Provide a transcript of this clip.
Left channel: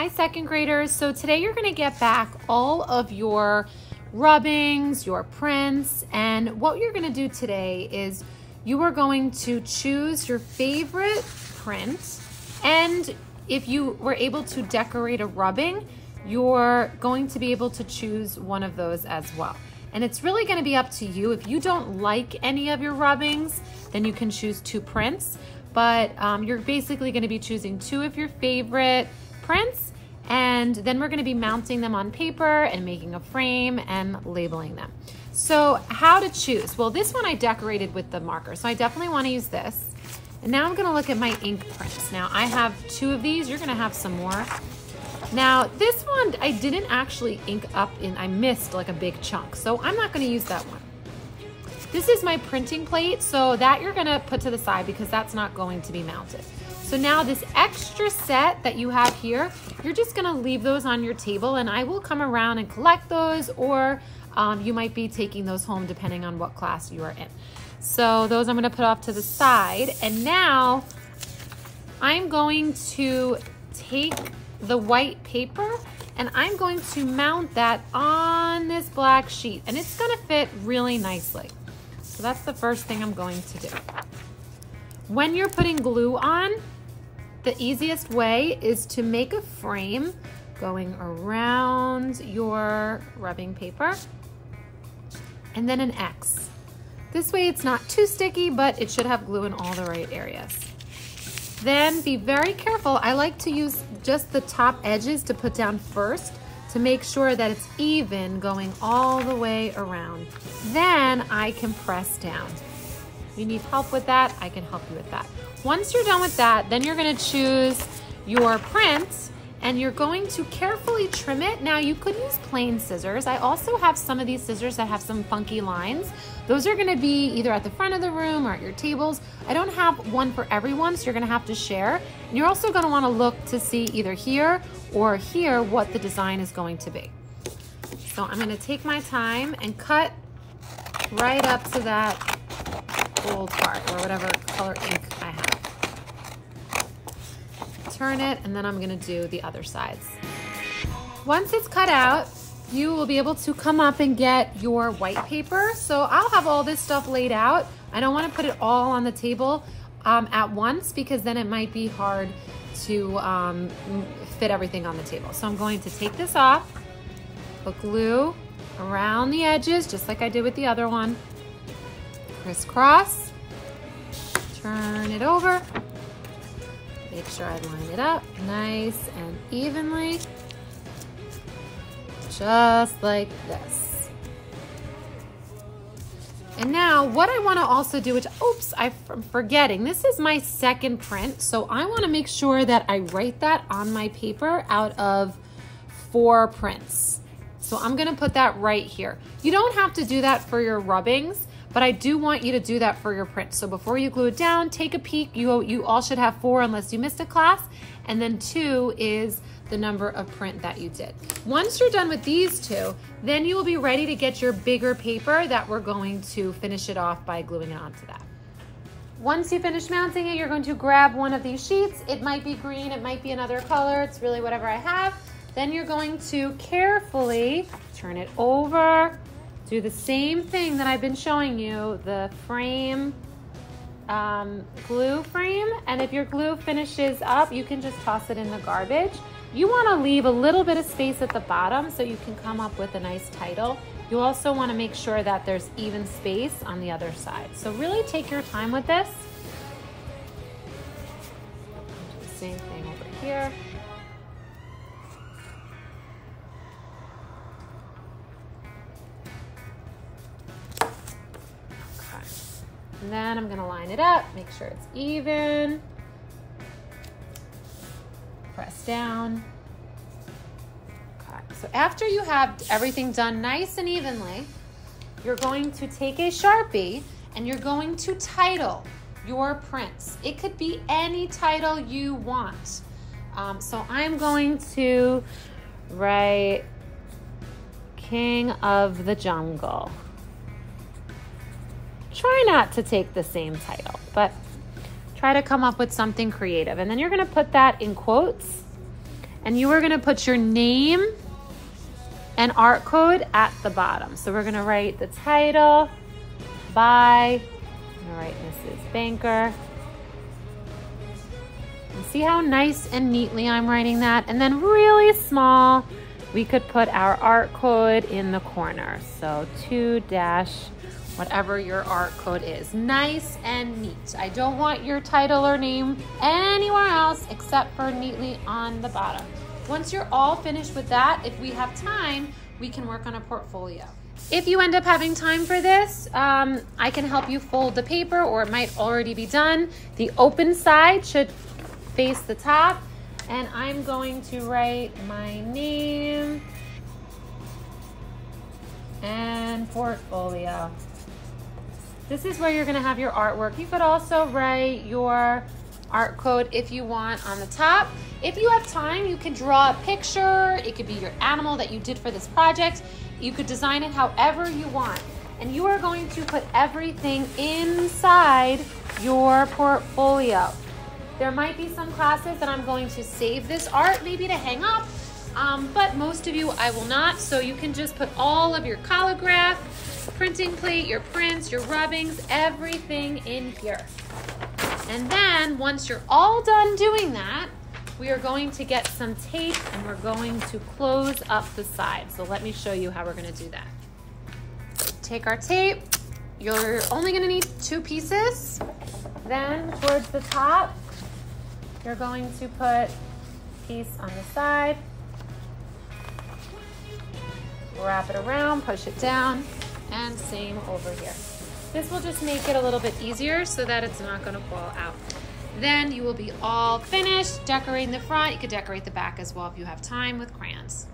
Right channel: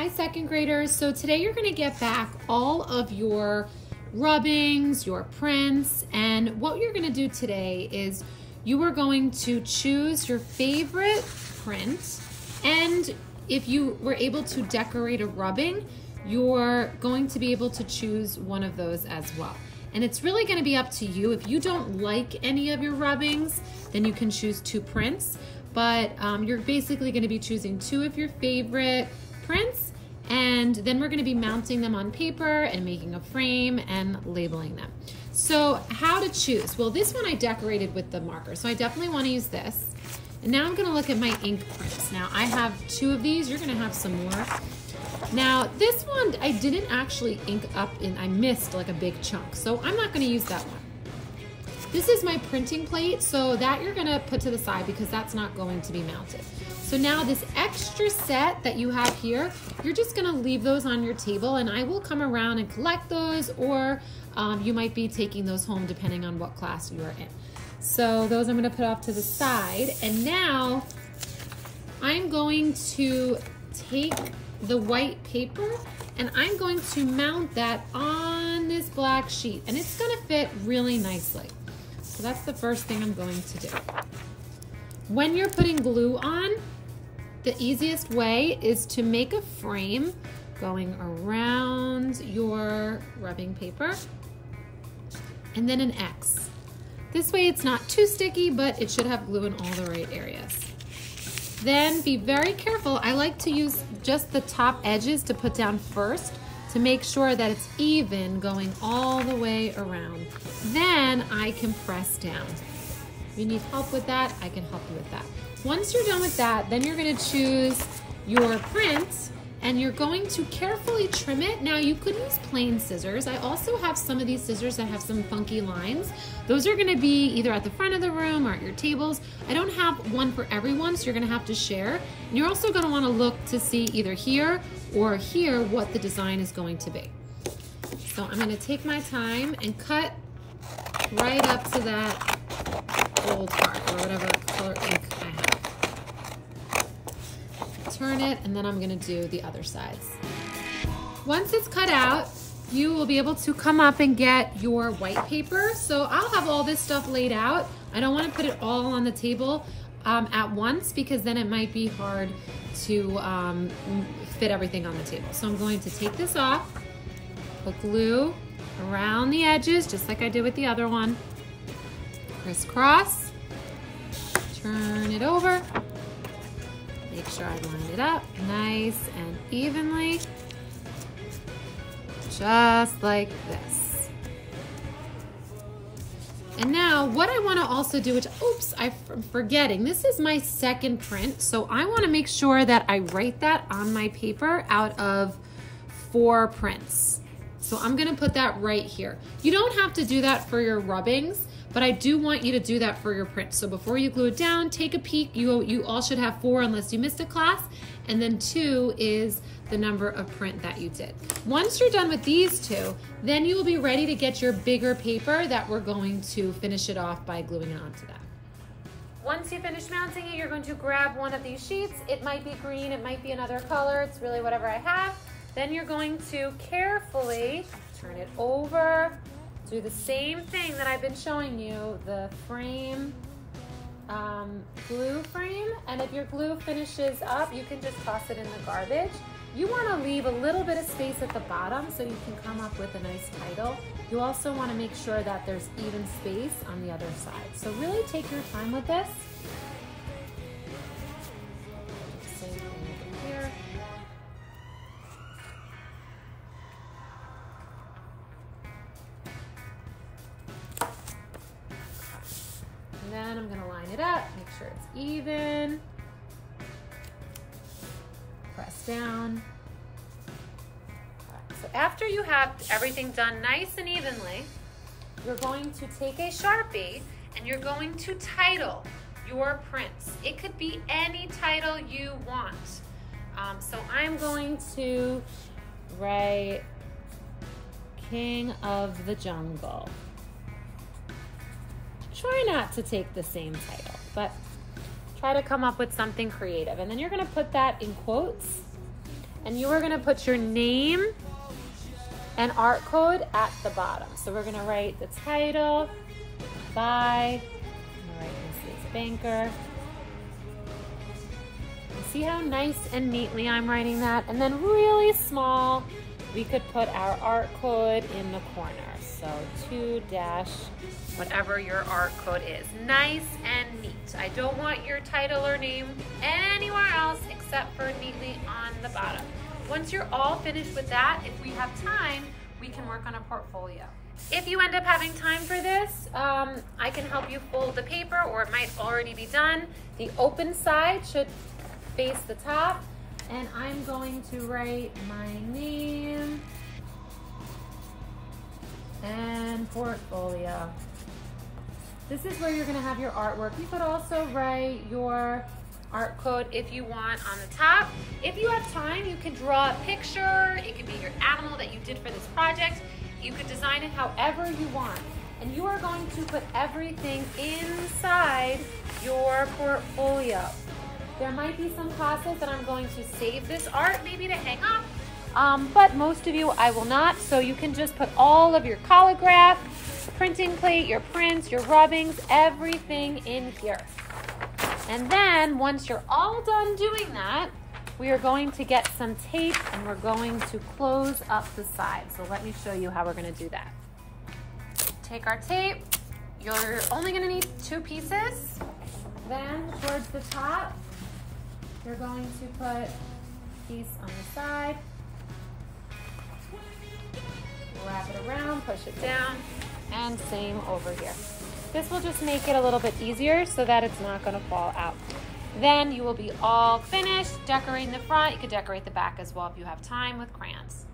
Hi, second graders. So today you're going to get back all of your rubbings, your prints, and what you're going to do today is you are going to choose your favorite print, and if you were able to decorate a rubbing, you're going to be able to choose one of those as well. And it's really going to be up to you. If you don't like any of your rubbings, then you can choose 2 prints, but you're basically going to be choosing 2 of your favorite prints, and then we're going to be mounting them on paper and making a frame and labeling them. So how to choose? Well, this one I decorated with the marker, so I definitely want to use this. And now I'm going to look at my ink prints. Now I have 2 of these. You're going to have some more. Now this one I didn't actually ink up in, I missed like a big chunk, so I'm not going to use that one. This is my printing plate, so that you're going to put to the side because that's not going to be mounted. So now this extra set that you have here, you're just going to leave those on your table, and I will come around and collect those, or you might be taking those home depending on what class you are in. So those I'm going to put off to the side, and now I'm going to take the white paper and I'm going to mount that on this black sheet, and it's going to fit really nicely. So that's the first thing I'm going to do. When you're putting glue on, the easiest way is to make a frame going around your rubbing paper and then an X. This way it's not too sticky, but it should have glue in all the right areas. Then be very careful. I like to use just the top edges to put down first to make sure that it's even going all the way around. Then I can press down. If you need help with that, I can help you with that. Once you're done with that, then you're going to choose your print and you're going to carefully trim it. Now you could use plain scissors. I also have some of these scissors that have some funky lines. Those are going to be either at the front of the room or at your tables. I don't have one for everyone, so you're going to have to share. And you're also going to want to look to see either here or here what the design is going to be. So I'm going to take my time and cut right up to that gold part or whatever color ink I have. Turn it, and then I'm going to do the other sides. Once it's cut out, you will be able to come up and get your white paper. So I'll have all this stuff laid out. I don't want to put it all on the table at once because then it might be hard to fit everything on the table. So I'm going to take this off, put glue around the edges just like I did with the other one, crisscross, turn it over, make sure I line it up nice and evenly, just like this. And now what I want to also do, which, oops, I'm forgetting, this is my second print, so I want to make sure that I write that on my paper out of 4 prints. So I'm going to put that right here. You don't have to do that for your rubbings, but I do want you to do that for your print. So before you glue it down, take a peek. You all should have 4 unless you missed a class. And then 2 is the number of print that you did. Once you're done with these 2, then you will be ready to get your bigger paper that we're going to finish it off by gluing it onto that. Once you finish mounting it, you're going to grab one of these sheets. It might be green, it might be another color. It's really whatever I have. Then you're going to carefully turn it over. Do the same thing that I've been showing you, the frame, glue frame, and if your glue finishes up, you can just toss it in the garbage. You want to leave a little bit of space at the bottom so you can come up with a nice title. You also want to make sure that there's even space on the other side. So really take your time with this. Same thing over here. And then I'm gonna line it up, make sure it's even. Press down. Okay. So after you have everything done nice and evenly, you're going to take a Sharpie and you're going to title your prints. It could be any title you want. So I'm going to write King of the Jungle. Try not to take the same title, but try to come up with something creative. And then you're gonna put that in quotes And you are gonna put your name and art code at the bottom. So we're gonna write the title by, I'm gonna write Mrs. Banker. And see how nice and neatly I'm writing that? And then really small, we could put our art code in the corner. So 2 dash, whatever your art code is. Nice and neat. I don't want your title or name anywhere else except for neatly on the bottom. Once you're all finished with that, if we have time, we can work on a portfolio. If you end up having time for this, I can help you fold the paper, or it might already be done. The open side should face the top, and I'm going to write my name and portfolio. This is where you're gonna have your artwork. You could also write your art code if you want on the top. If you have time, you can draw a picture. It could be your animal that you did for this project. You could design it however you want. And you are going to put everything inside your portfolio. There might be some classes that I'm going to save this art maybe to hang up, but most of you I will not. So you can just put all of your collagraph, printing plate, your prints, your rubbings, everything in here. And then once you're all done doing that, we are going to get some tape and we're going to close up the sides. So let me show you how we're gonna do that. Take our tape. You're only gonna need 2 pieces. Then towards the top, you're going to put a piece on the side, wrap it around, push it down, and same over here. This will just make it a little bit easier so that it's not gonna fall out. Then you will be all finished decorating the front. You could decorate the back as well if you have time with crayons.